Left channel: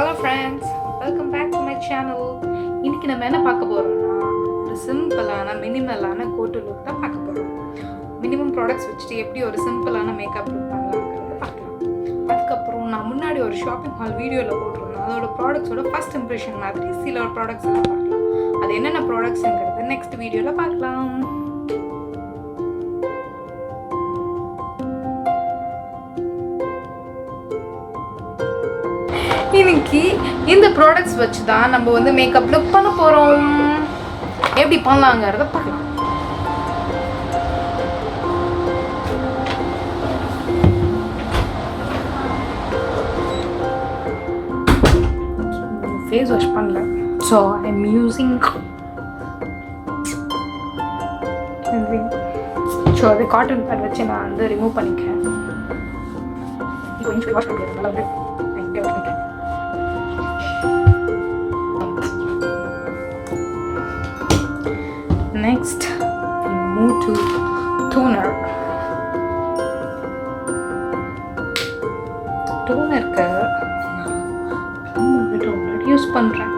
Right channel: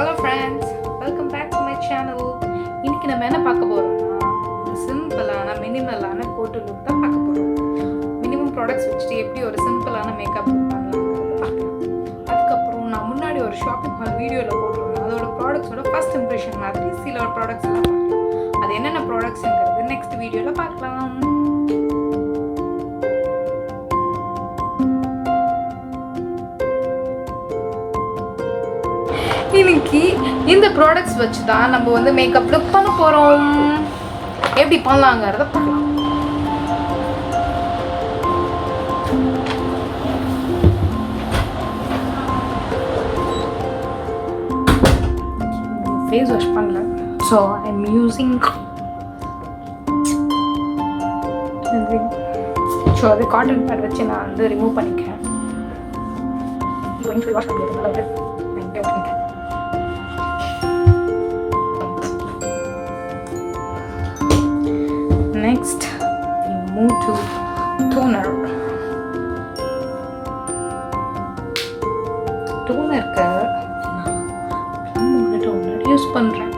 Hello friends, welcome back to my channel. இன்னைக்கு நம்ம என்ன பார்க்க போறோம்னா ஒரு சிம்பிளான மினிமலான கோட்டு லுக் தான் பார்க்க போறோம். மினிமம் ப்ராடக்ட்ஸ் வச்சுட்டு எப்படி ஒரு சிம்பிளான மேக்கப் லுக் பண்ணலாம்ங்கறத பார்க்கலாம். அதுக்கப்புறம் நான் முன்னாடி ஒரு ஷாப்பிங் ஹால் வீடியோல போட்டுருந்தேன். அதோட ப்ராடக்ட்ஸோட ஃபர்ஸ்ட் இம்ப்ரெஷன் மாதிரி சில ப்ராடக்ட்ஸ் எல்லாம் பார்க்கலாம். அது என்னென்ன ப்ராடக்ட்ஸ்ங்கறது நெக்ஸ்ட் வீடியோல பார்க்கலாம். இன்னைக்கு இந்த ப்ராடக்ட்ஸ் வச்சு தான் நம்ம வந்து மேக்கப் லுக் பண்ண போகிறோம். எப்படி பண்ணலாங்கிறத பார்க்கலாம். ஃபேஸ் வாஷ் பண்ணல, so I am using so அது காட்டன் பேட் வச்சு நான் வந்து ரிமூவ் பண்ணிக்கிறேன். கொஞ்சம் வாஷ் பண்ணிக்கிறேன் நல்லா பண்ணிக்கிறேன். Next, we move to toner. Toner க்கு நான் Plum toner யூஸ் பண்றேன்.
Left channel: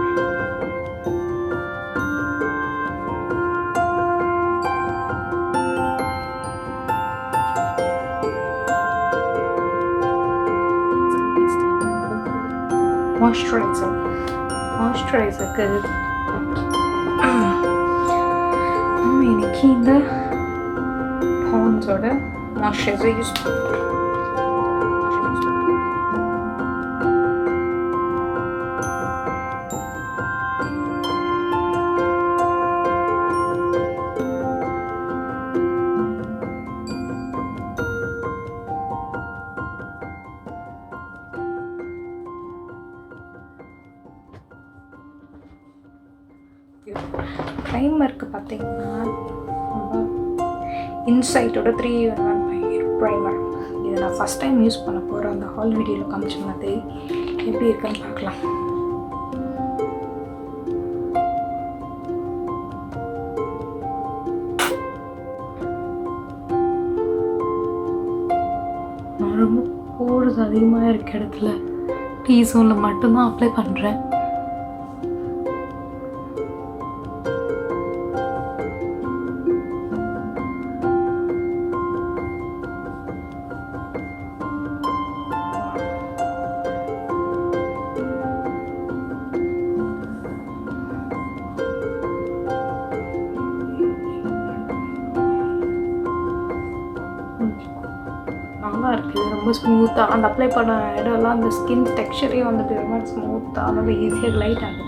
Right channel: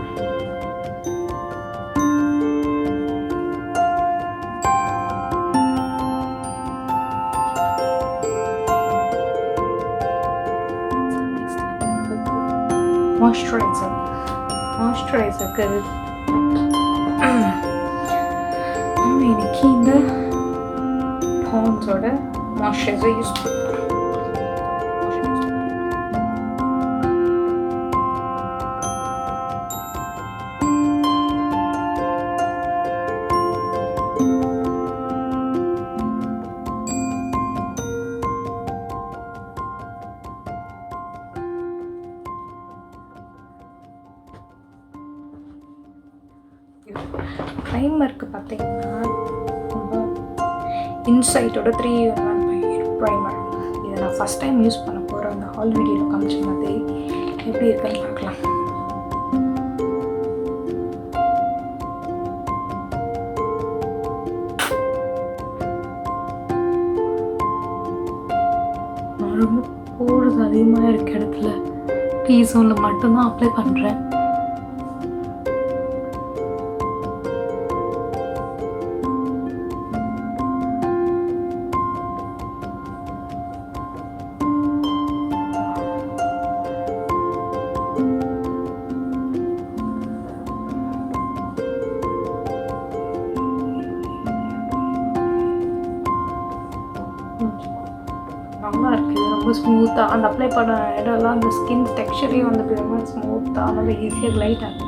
Moisturizer நம்ம இன்னைக்கு இந்த பாண்ட்ஸோட மாய்ஸ்சரைசர் யூஸ் பண்ணுறோம். ப்ரைமருக்கு பார்த்தீங்கன்னா ரொம்ப இன்சைட்டோட 3-in-1 ப்ரைமர். இதை நான் ஃபஸ்ட் டைம் யூஸ் பண்ண போகிறேன். அந்த ஹால் வீடியோவில் காமிச்ச மாதிரி எப்படி இருக்குன்னு பார்க்கலாம். நான் ரொம்ப போர்ஸ் அதிகமாக இருக்க இடத்துல டீ ஜோனில் மட்டும்தான் அப்ளை பண்ணுறேன். நல்லா இருக்குது, ரொம்ப ஸ்மூத்தாக அந்த அப்ளை பண்ண இடம்லாம் அந்த ஸ்கின் டெக்ஸ்சரே வந்து ரொம்ப ஸ்மூத்தாக நல்லா ஈஸியாக லைட் ஆகுது.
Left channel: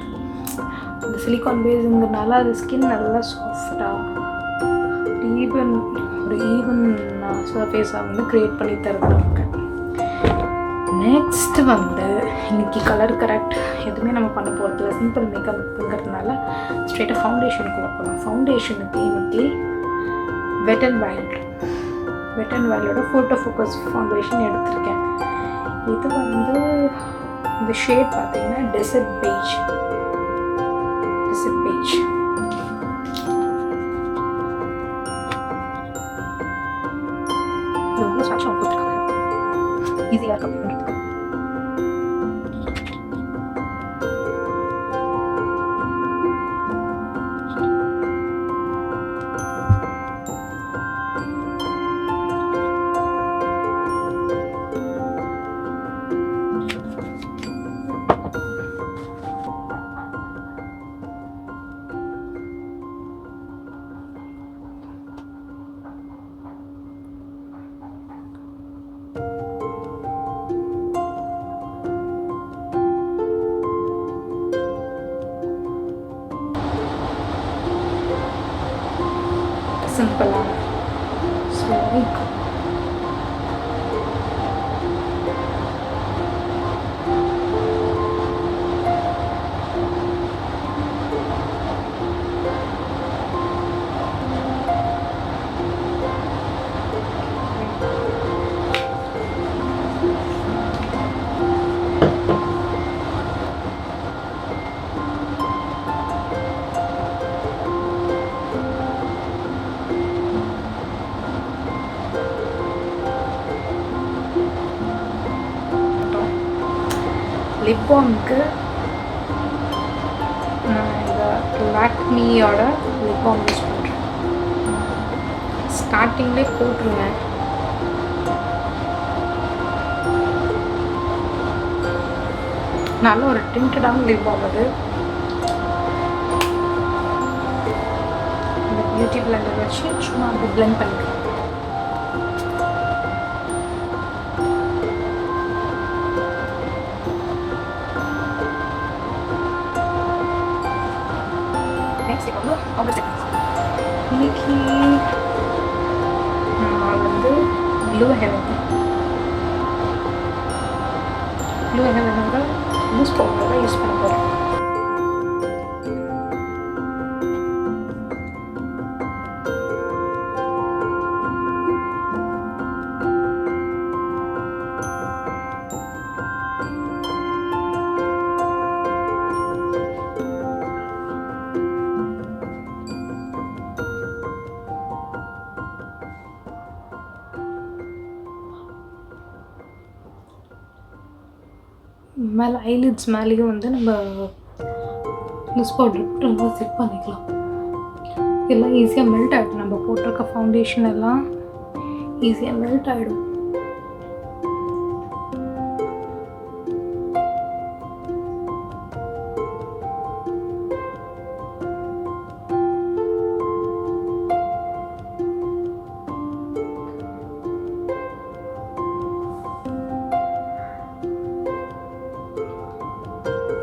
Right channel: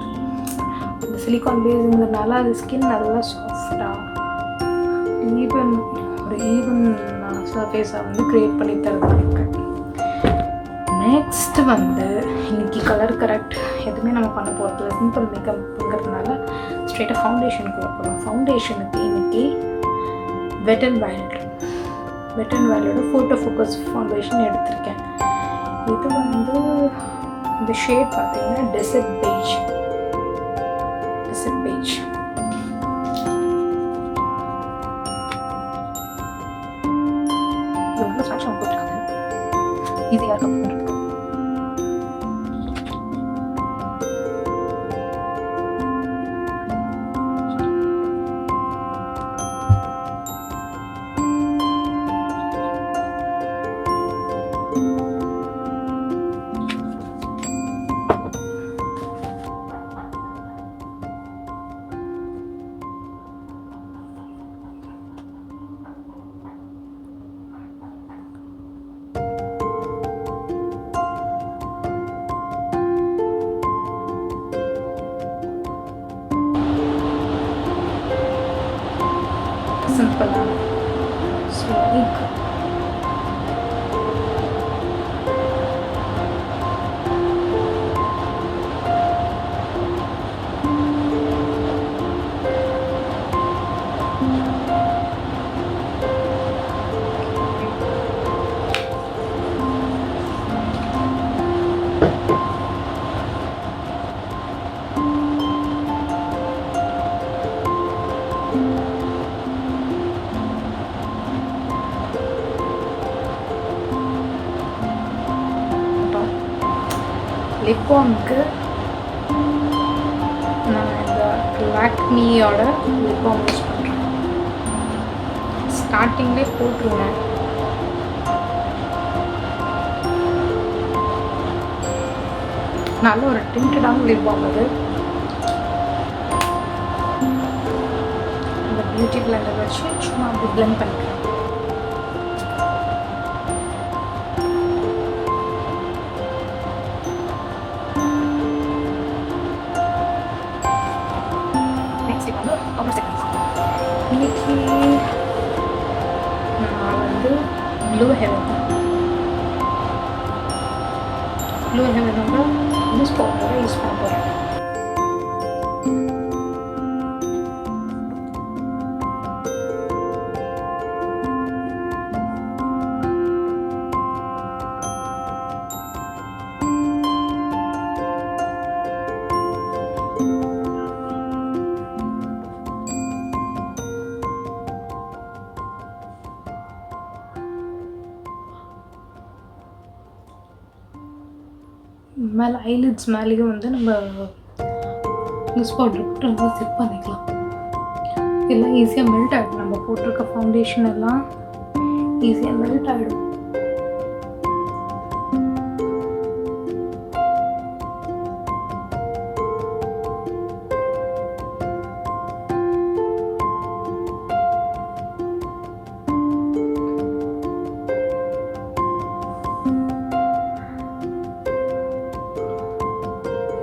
அந்த சிலிக்கான் பேஸுங்கிறதுனால அது ஸ்கின் நல்லா சாஃப்டாக ஒரு ஈவன் சர்ஃபேஸாக வந்து க்ரியேட் பண்ணி தருது நமக்கு. நெக்ஸ்ட் வந்து இன்னைக்கு கலர் கரெக்ட் எதுவுமே நம்ம பண்ண போகிறதில்ல, சிம்பிள் மேக்கப்ங்கிறதுனால ஸ்ட்ரெயிட்டாக ஃபவுண்டேஷனுக்குள்ளே போகலாம். ஃபவுண்டேஷனுக்கு இன்னைக்கு வெட் அண்ட் வைல்டோட ஃபோட்டோ ஃபோக்கஸ் ஃபவுண்டேஷன் எடுத்திருக்கேன். இது வந்து இந்த ஷேட் பார்த்தீங்கன்னா டெசர்ட் பெய்ஜ். இது வந்து ஸ்டார்ட் போட்டுருக்காங்க, ஈஸியாக கப் பண்ணுறதுக்கு. சிம்பிளான லிப் பாம்க்கு நான் இந்த லாக்மியோட லிப் பாம் யூஸ் பண்ணுறேன். ஸ்டார்டிங்லேயே போட்டுருங்க. நல்ல ஒரு டிண்டடான லிப் பாம் அது. இந்த பியூட்டி பிளெண்டர் வச்சு சும்மா அப்படி பிளெண்ட் பண்ணிக்கலாம். இன்னைக்கு நான் வந்து ப்ளூ ஹெவனோட லூஸ் பவுடரோட யூஸ் பண்ண போகிறேன். மேலே ஐலிட்ஸ் மேலேயும் வந்து நம்ம லூஸ் பவுடர் போட்டு நல்லா செட் பண்ணிக்கலாம். எல்லாம் ஈஸியாக மெல்ட் ஆகிடும். நம்ம போட்டிருக்க ஃபவுண்டேஷன் எல்லாம் ஈஸியாக மெல்ட் ஆகிடும்.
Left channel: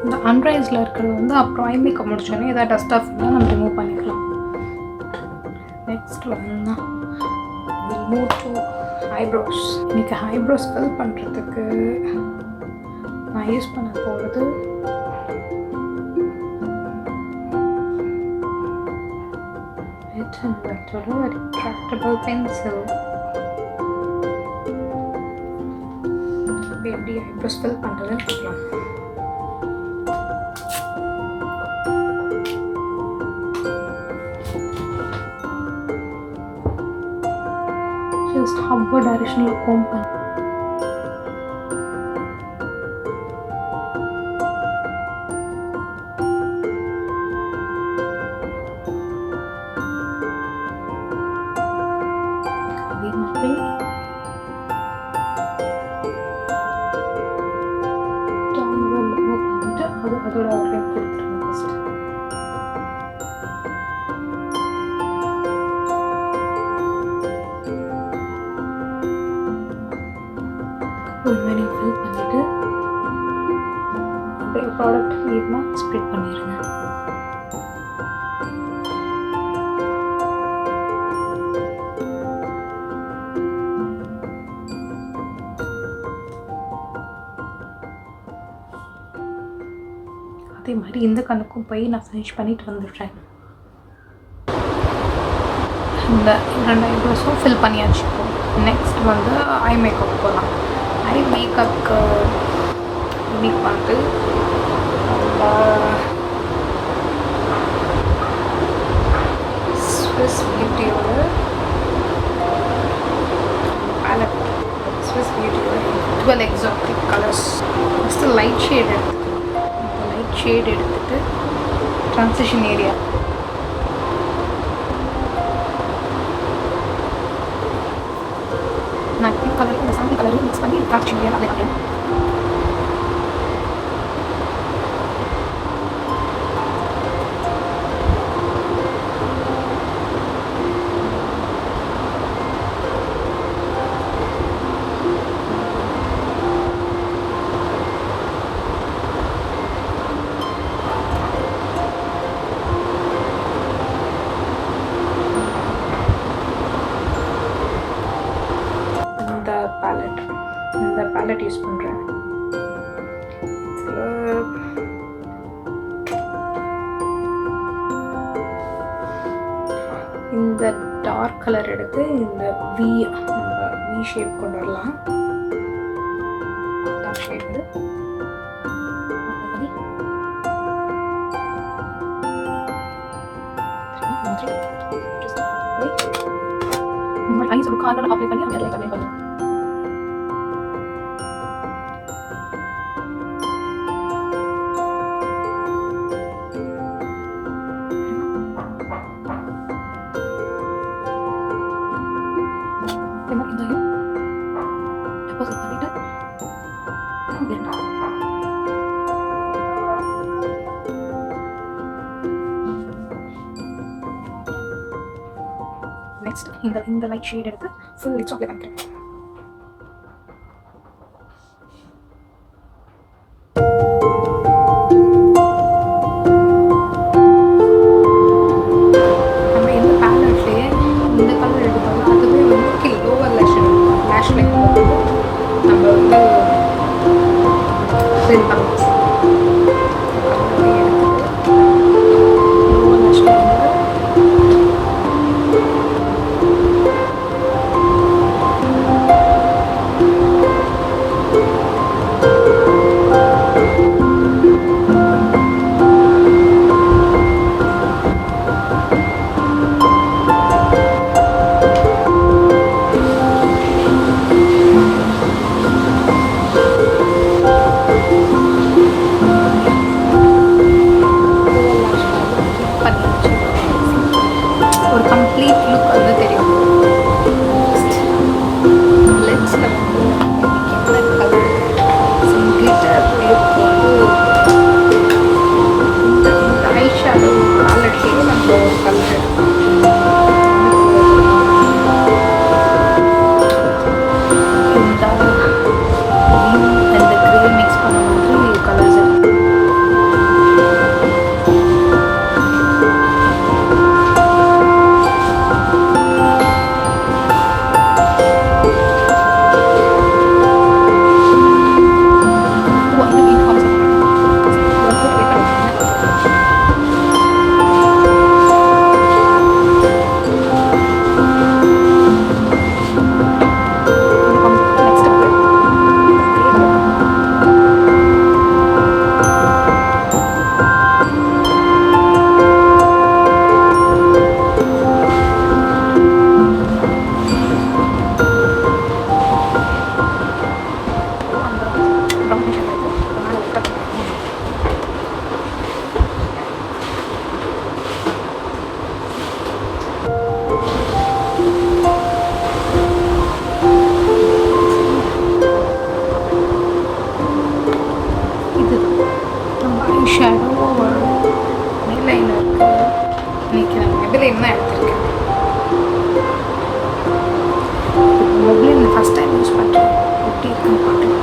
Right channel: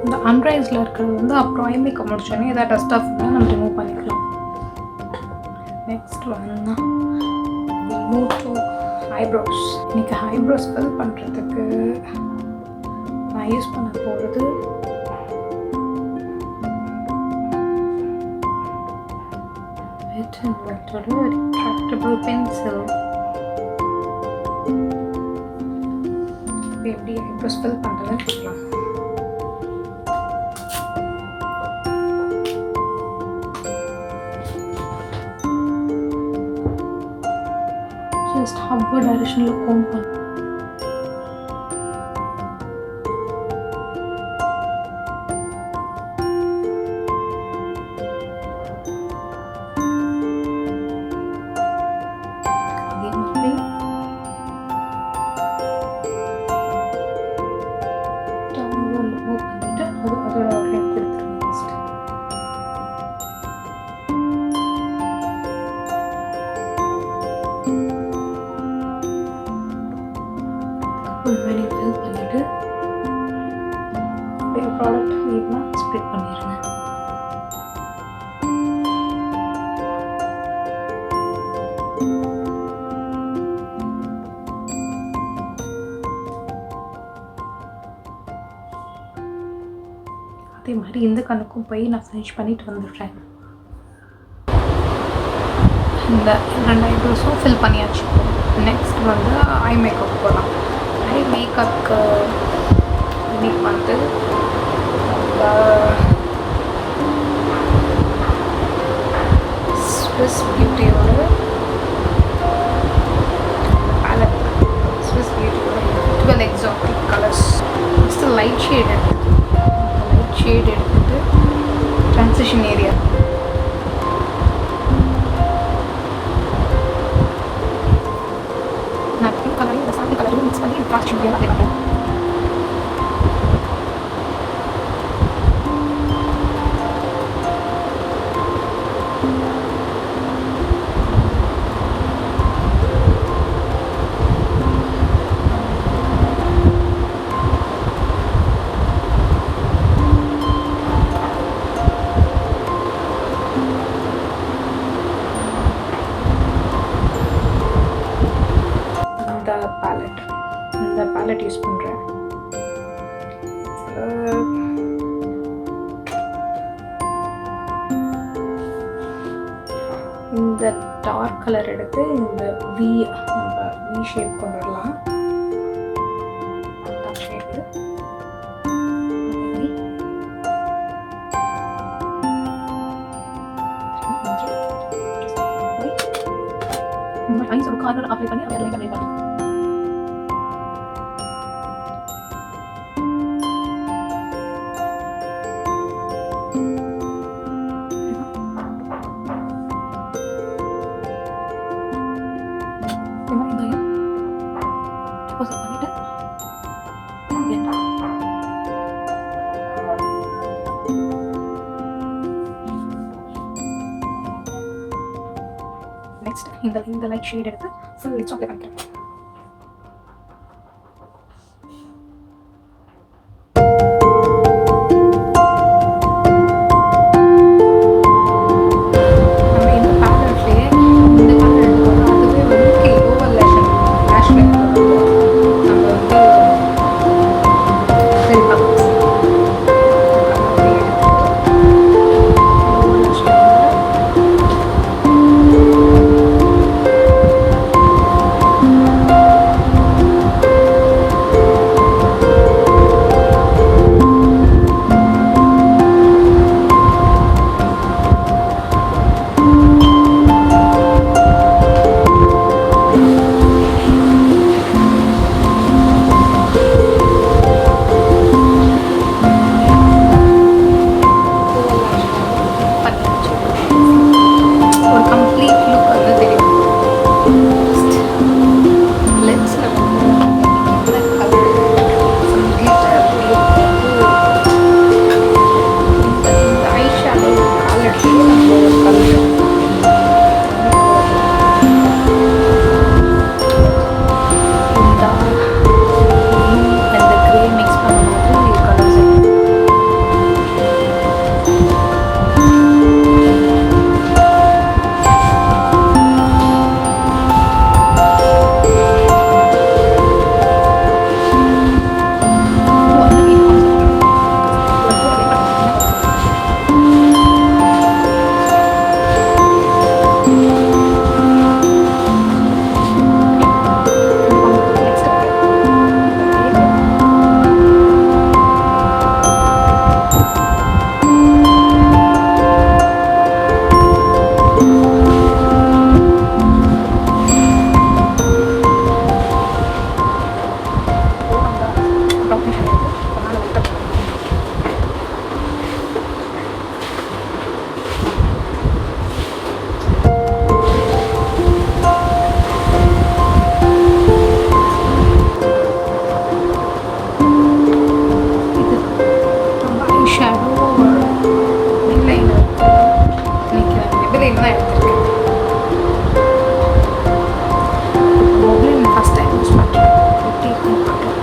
இந்த அன்ரைஸில் இருக்கிறது வந்து அப்புறம் ஐ மேக்கப் முடிச்சோன்னே எதாவது டஸ்ட் ஆஃப் இருந்தால் நம்ம ரிமூவ் பண்ணிக்கலாம். நெக்ஸ்ட் வந்து ரிமூவ் டு ஐப்ரோஸ். இன்றைக்கி ஐப்ரோஸ் ஃபில் பண்ணுறதுக்கு நான் யூஸ் பண்ண போகிறது ரிட்ராக்டபிள் பென்சில். எப்படி ஐப்ரோஸ் ஃபில் பண்ணுறதுன்னு பார்க்கலாம். just upward direction comb பண்ணு. அதே மாதிரி downward move பண்ணிட்டு அதோட outline கொடுத்துருங்க ஃபர்ஸ்ட். மேனி ஃபில் பண்ணிட்டு அப்படியே ப்ராடக்ட் ஈவனாக ஸ்ப்ரெட் பண்ணிடுங்க. அதே மாதிரி இந்த கண்ணுக்கும் போய் நான் ஃபினிஷ் பண்ணிட்டு வந்துடுறேன். இந்த 2 ஐப்ரோஸும் ஃபில் பண்ணியாச்சு. நெக்ஸ்ட் வந்து ஐ மேக்கப் போகலாம். ஐ மேக்கப்புக்கு இன்னைக்கு வந்து ஸ்விஸ் பியூட்டியோட பேலட், ஸ்விஸ் பியூட்டியோட 12 exotic colours. First light shade எடுத்துகிட்டு ட்ரான்சிஷன் ஏரியா கலர் மிக்ஸ் பண்ணி ட்ரான்சிஷன் ஏரியா அப்ளை பண்ணுறேன். இந்த பேலட் யூஸ் பண்ணுறேன். இந்த டார்க் கலர் எடுத்து இந்த நம்ம வி ஷேப் கொண்டு வரலாம். ஷேடு ஐஸ் ஒரு கார்னர் அப்ளை பண்ணி அப்ளை பண்ணி நெக்ஸ்ட் இந்த லைட் ஷேட் எடுத்து ஃபுல் லிப்ஸ் அப்ளை பண்ணிக்கிறேன். நம்ம இந்த பேலட்லேயே இந்த கலர் எடுத்துக்கோங்க. அதுவே வந்து லோவர் லேஷ் லைனில் வந்து நம்ம வந்து ஃபில் பண்ணலாம். ஒரு கம்ப்ளீட் லுக் வந்து தெரியும். லென்ஸில் வந்து இந்த ஐஷேடோ பேலட்லேயே நம்ம ஒரு கலர் இந்த ப்ளூ அண்ட் கிரே மிக்ஸ் பண்ண மாதிரி கலர்ஸ் ஐஷேடோ ஒரு ஐலைனர் நினைக்கிறேன். Maybelline தான் எடுத்திருக்கேன். Maybelline ஃபஸ்ட் டைம் யூஸ் பண்ணுறேன். எப்படி இருக்குன்னு பார்க்கலாம்.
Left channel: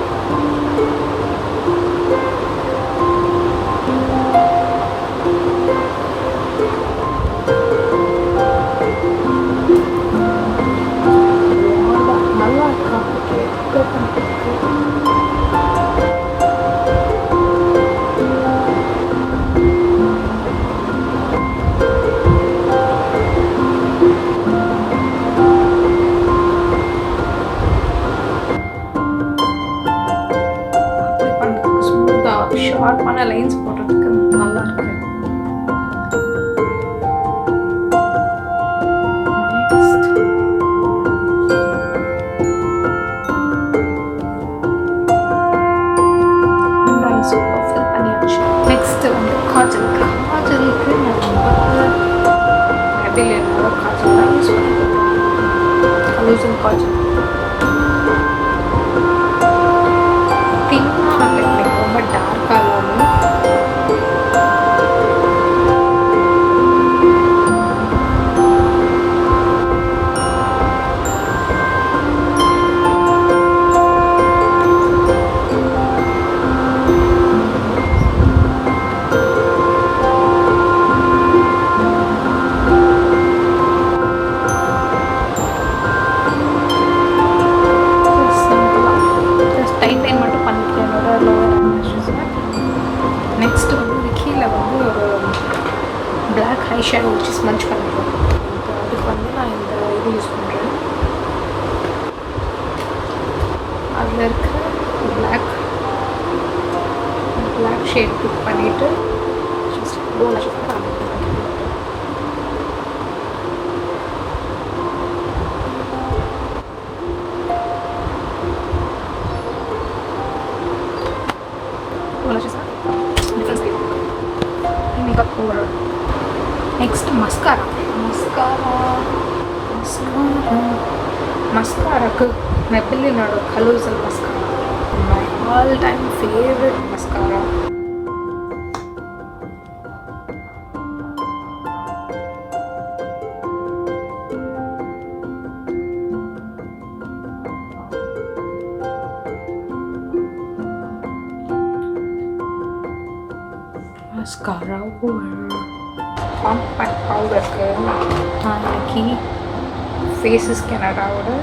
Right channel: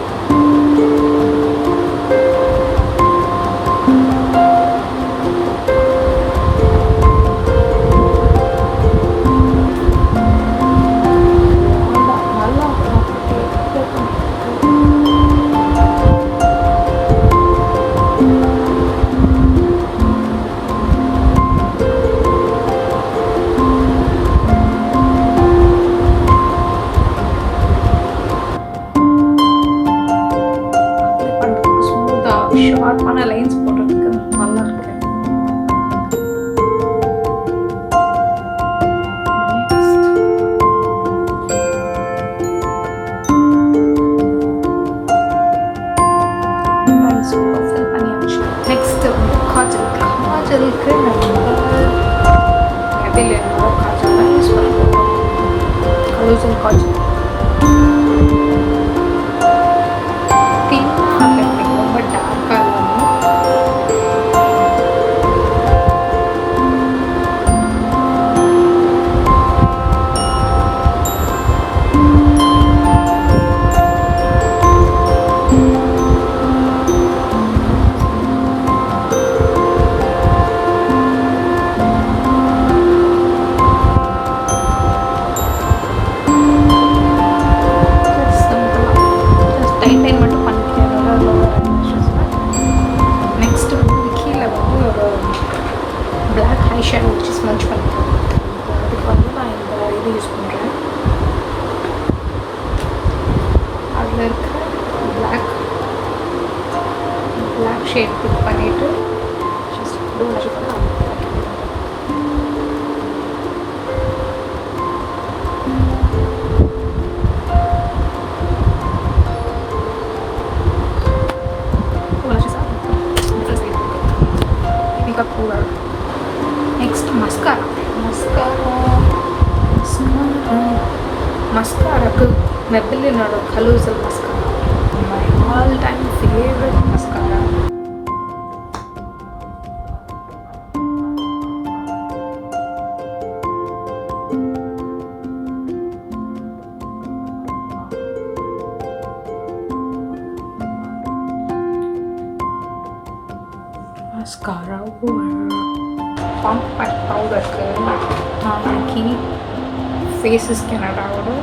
நல்லா ஷார்ப்பான லைன்ஸ் போடுறதுக்கு நல்லா இருக்கு. ஃபில் பண்ணியாச்சு. நெக்ஸ்ட் வந்து காஜலுக்கு நம்ம Maybelline காஜல் தான் யூஸ் பண்ண போகிறோம். கலோசல் காஜல் தின்னாக அப்ளை பண்ணி ரொம்ப டார்க்காக இல்லாமல் டைன் மட்டும் பண்ணிக்கிறேன் என்னோட லோவர் ஐலாஷஸில். நெக்ஸ்ட் வந்து இது கீழே வந்து ஒரு பிளாக் ஐஷேடோ வச்சு ஸ்மஞ்ச் பண்ணிக்கிறேன். அதுக்கு வந்து நான் இந்த இது யூஸ் பண்ணுறேன். அதில் இருக்க பிளாக் ஷேட் பிக் பண்ணிவிட்டு just lower makeup over. Next mascara. Mascara Maybelline Colossal mascara. My all-time favorite mascara. mascara over compact powder நாளைக்கு faces Canadaவோட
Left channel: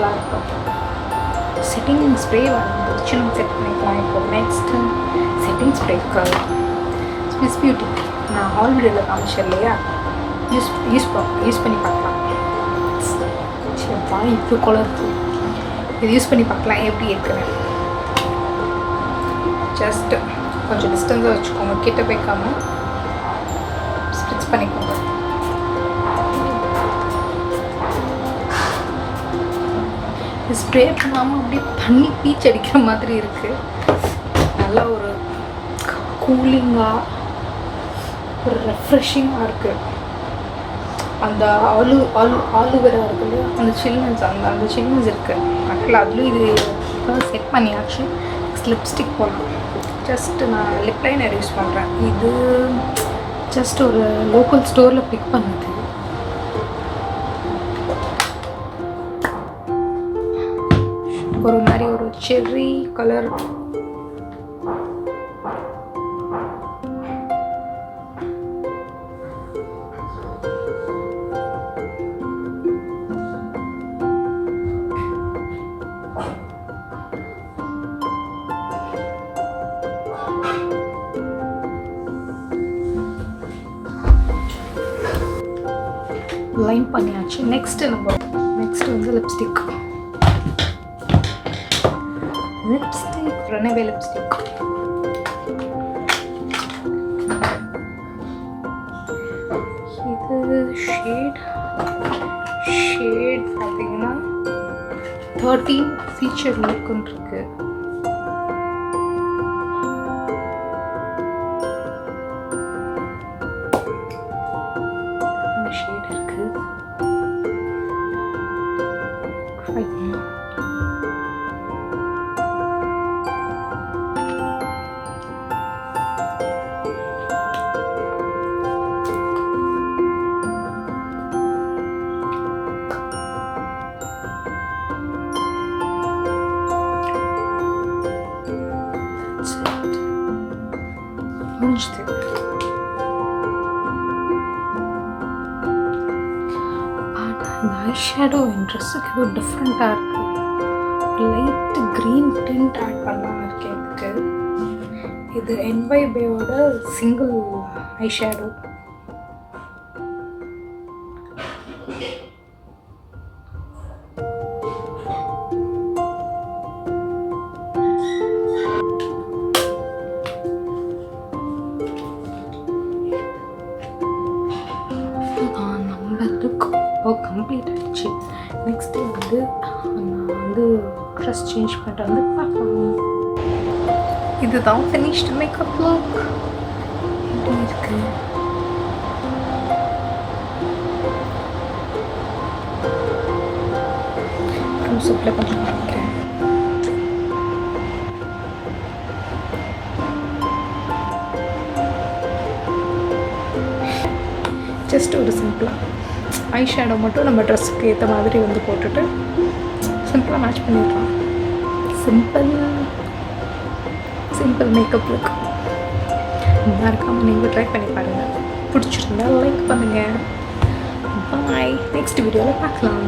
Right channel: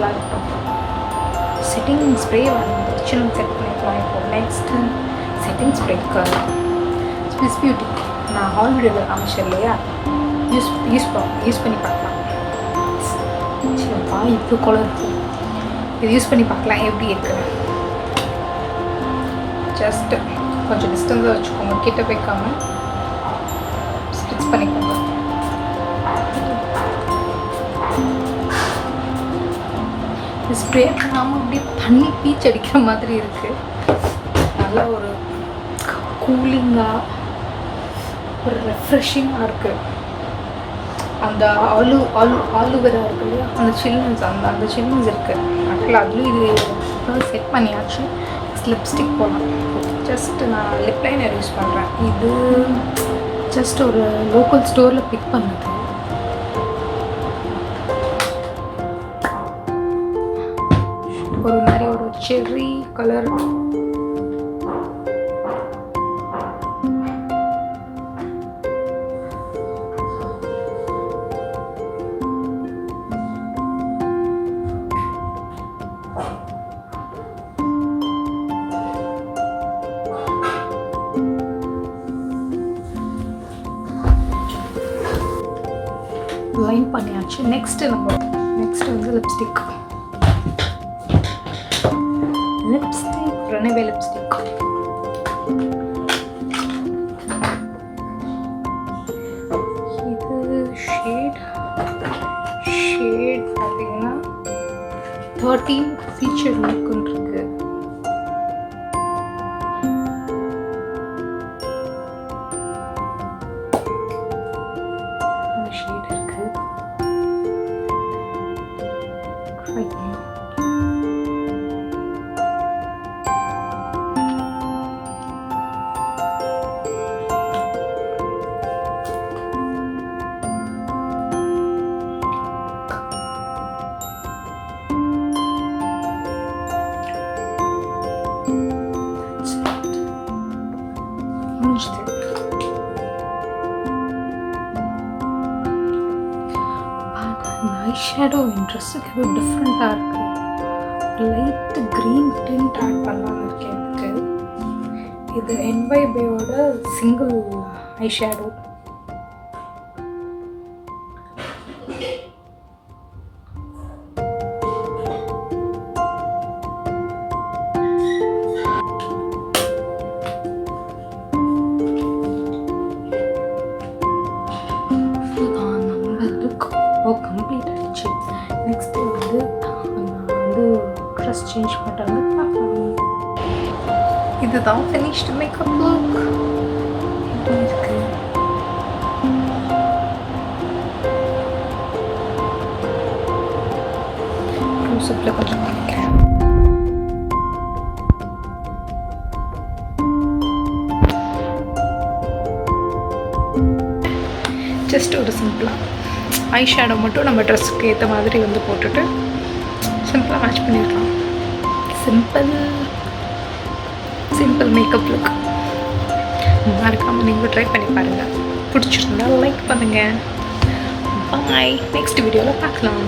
black top setting spray வந்துச்சு நம்ம செட் பண்ணிக்கலாம். இப்போ நெக்ஸ்ட் செட்டிங் ஸ்ப்ரேக்கு ஸ்விஸ் பியூட்டி நான் ஹால் வீடியோவில் காமிச்சேன் இல்லையா, யூஸ் பண்ணி பார்க்கலாம். சரிப்பா இப்போ கலர் இது யூஸ் பண்ணி பார்க்கலாம் எப்படி இருக்குன்னு. ஜஸ்ட் கொஞ்சம் டிஸ்டன்ஸாக வச்சுக்கோங்க, கிட்ட வைக்காமல் ஸ்ப்ரிட்ஸ் பண்ணிக்கோங்க. ஸ்ப்ரே பண்ணாமல் அப்படியே தண்ணி பீச் அடிக்கிற மாதிரி இருக்குது. நல்லா ஒரு கூலிங்காக ஒரு ரெஃப்ரெஷிங்காக இருக்குது. அந்த ஆலுவேரா இருக்குது இல்லையா, அந்த சில்னஸ் அந்த சில்னஸ் இருக்குது. ஆக்சுவலாக அதுலேயும் இது செட் பண்ணியாச்சு. லிப்ஸ்டிக் போடலாம். ஜஸ்ட் நான் லிப் லைனர் யூஸ் பண்ணுறேன். இது ஜஸ்ட் ஒரு லோக்கல் ஸ்டோரில் பிக் பண்ணுது. ஒரு மாதிரி ஒரு செர்ரி கலர் லைன் பண்ணியாச்சு. நெக்ஸ்ட் வந்து லிப்ஸ்டிக் RunAway லிப்ஸ்டிக். இது ஷேட் பார்த்தீங்கன்னா 13 ஃபீச்சர் லுக்குன்னு இருக்கு. அந்த ஷேட் இருக்கு. ஐஷேடோ என் ட்ரெஸ்ஸுக்கு இது டிஃப்ரெண்ட்டாக இருக்குது. லைட்டு க்ரீன் டிண்ட் ஆட் பண்ணலான்னு இருக்கேன். இது என்வைபேயோட சிங்கிள் ஐஷேடோ. கம்ப்ளீட் ஆகிடுச்சு. நெக்ஸ்ட்டு வந்து நான் வந்து ட்ரெஸ் சேஞ்ச் பண்ணிட்டு வந்து பார்க்கலாம். இதுதான் ஃபினிஷ்டு மேக்கப் லுக். எப்படி இருக்கு? க்ளோஸ்அப்பில் கொஞ்சம் காமிக்கிறேன். ஜஸ்ட் ஒரு சிம்பிளாக ஐஷேடோ மட்டும் நம்ம ட்ரெஸ்ஸுக்கு ஏற்ற மாதிரி வந்து போட்டுட்டு சிம்பிளாக மேட்ச் பண்ணிடலாம். Simple makeup look. மறக்காமல் நீங்களும் ட்ரை பண்ணி பாருங்கள். பிடிச்சிருந்தா லைக் பண்ணுங்கள். பாய். நெக்ஸ்ட் வீடியோவில் பார்க்கலாம்.